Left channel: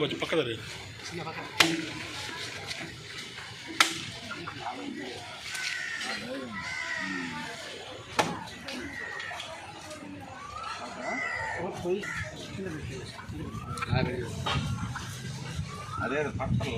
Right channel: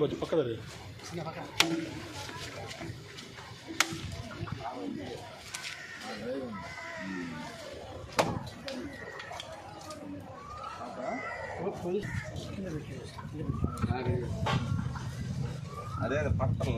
కొంచెం పక్కన అదే పట్టలు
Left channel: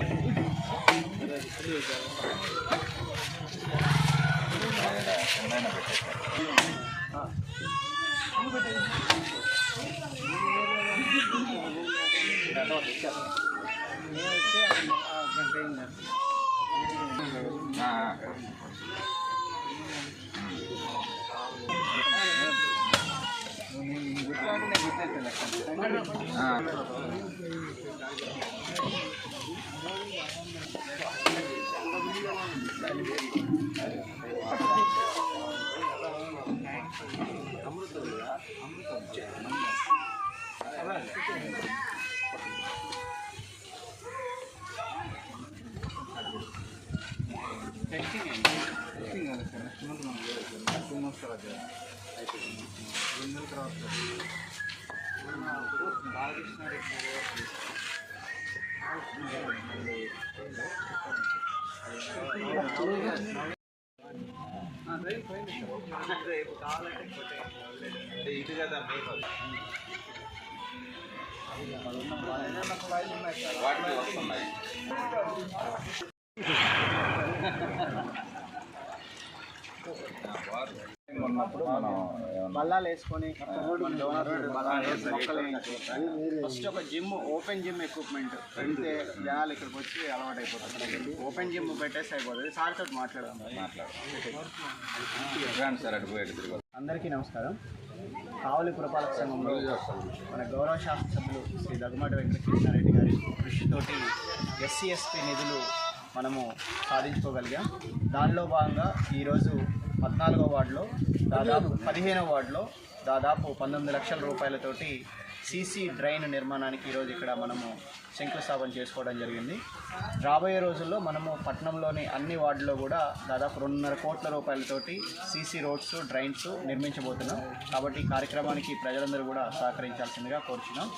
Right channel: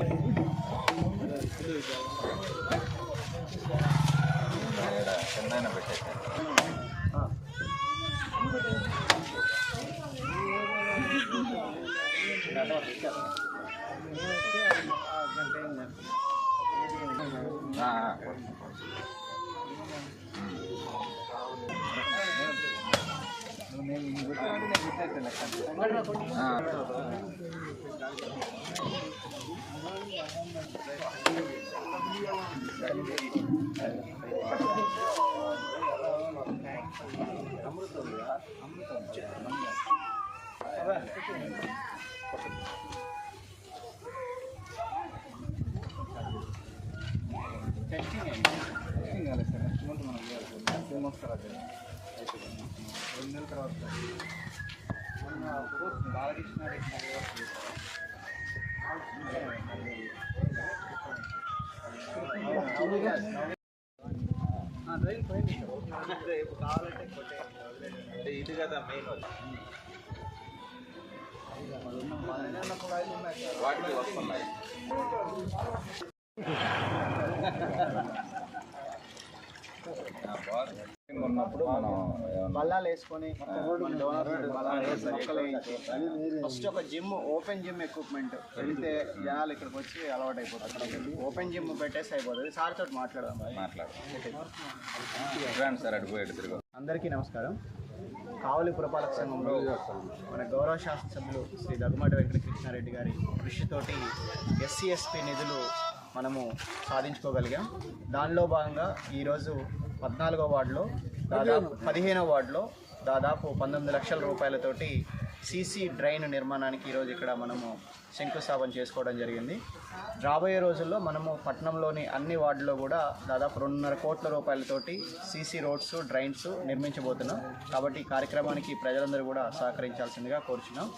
చిన్న ఇది కదా మెయిన్ వాటికి వస్తున్నాయి. ఉన్నప్పుడు మనం బల్లాలు వేసుకొని మొక్కలు వేయించి ఫస్ట్ ఒక జిమ్ ఓపెన్ జిమ్ ఎక్విప్మెంట్ పెడితే జనాలు ఇక్కడికి వచ్చి అలవాటు అయిపోతుంది. ఓపెన్ జిమ్ పెట్టేస్తే అయిపోతుంది. సార్ తోటి మాట్లాడదాం. సార్ అడిపోయాడు తిరుగు. అందరికీ నమస్కారం. కావలి పురపాలక సంఘంలో మన గౌరవ శాసనసభ్యులు శ్రీ దగ్గుమాటి వెంకటకృష్ణారెడ్డి గారి కృషితోటి ఎస్సీ ఎస్టీ నిధులు మనము సాధించుకోగలిగాం. దానిలో భాగంగా ఈరోజు 14వ వార్డులో దాదాపు 15వ వార్డులో దాదాపు 19 లక్షల రూపాయలతోటి సీసీ డ్రైన్ నిర్మాణానికి ఈరోజు ఇక్కడ మనము శంకుస్థాపన చేసుకోవడం జరిగింది. రాబోయే రోజుల్లో మనము పట్టణంలోని అన్ని వార్డుల్లో కూడా దాదాపు 2.5 కోట్ల రూపాయలతోటి సీసీ రోడ్స్ డ్రైన్స్ నిర్మించబోతున్నాం. కాబట్టి ఈ కార్యక్రమానికి ప్రజలందరూ కూడా సహకరించాల్సిందిగా కోరుచున్నాం.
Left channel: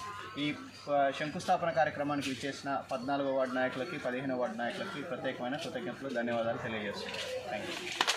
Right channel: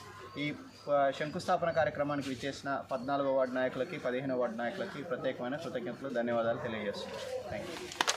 ఈ శంకుస్థాపన కార్యక్రమానికి విచ్చేసిన 14వ వార్డు నాయకులకి 15వ వార్డు నాయకులకి ప్రత్యేకమైన కృతజ్ఞతలు, ధన్యవాదాలు తెలియజేస్తున్నాం. Thank you.